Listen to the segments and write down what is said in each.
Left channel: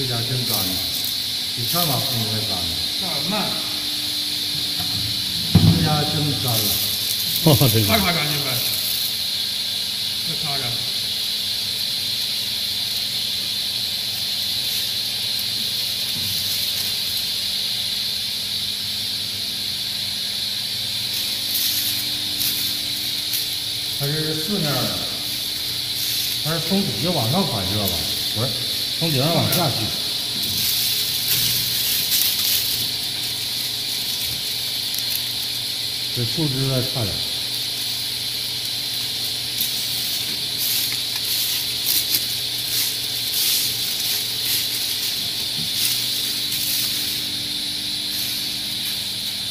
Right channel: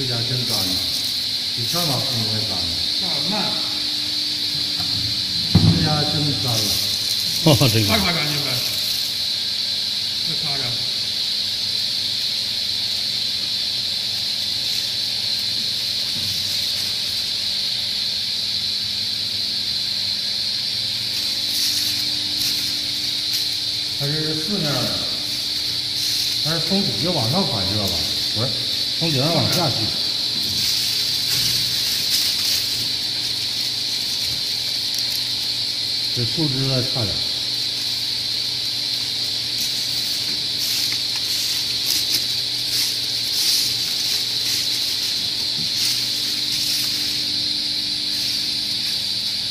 这家真干净，比上把空还干净。上慢，这家真干了。哈，真擦干净呗，再擦干。它是四面的，它是从底下往上反射吧？不是，从顶上往下去。这树枝再差点。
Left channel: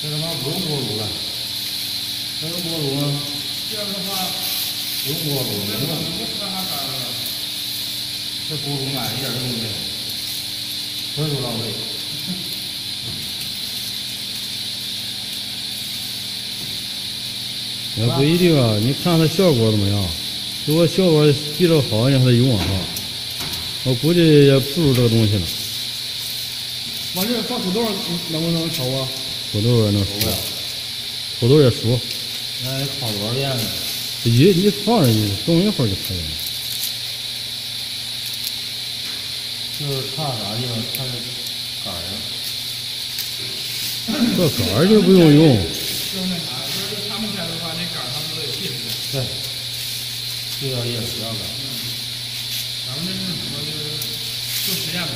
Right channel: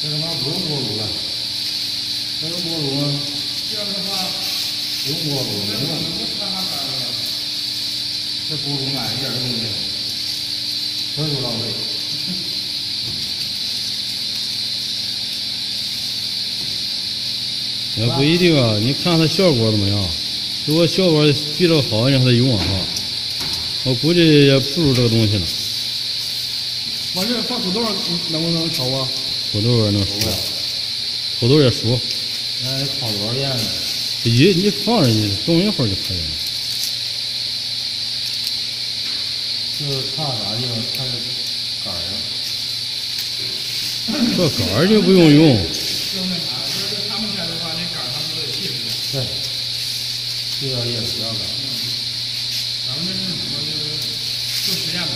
这他妈不用锅炉了，这用锅炉吗？这样的话，不用锅炉，能用。不擦干了。这锅炉买一点用没有，所有到位。也不一定啊，你看它效果怎么样？如果效果比这好，你让它用啊。我估计也不如这个东西了。往这放土豆能不能熟啊？土豆也能熟不了，土豆也熟。那得烤多少遍呢？你放着你冻一会儿就可以了。就是差啥地方？差这杆儿上。这杆儿就不用用。就那啥，就是他们家的话，那杆儿他们都得卸不对，这个也不要杆。咱们这是什么？就是做实验的。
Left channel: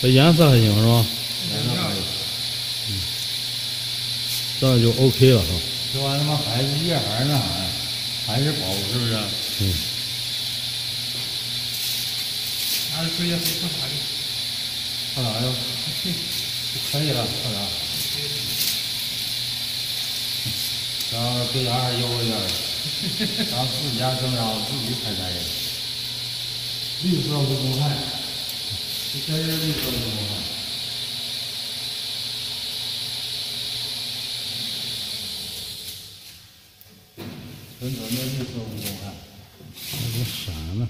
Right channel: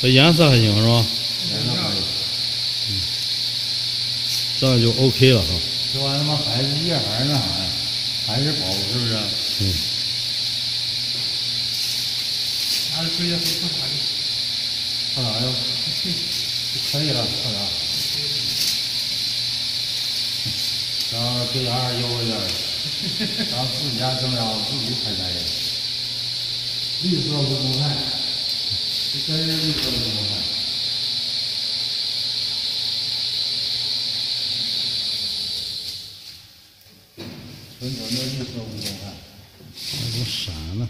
这颜色还行是吧？颜色可以。这样就 OK 了哈。这玩意儿他妈还是叶还是那啥呀？还是薄是不是？嗯。拿着吹下去看啥去？看啥呀？可以了，看啥？然后这家还悠着点儿，然后自己家蒸烧自己采摘的，绿色乌冬菜，这真是绿色乌冬菜。纯纯的绿色乌冬菜，还给闪了。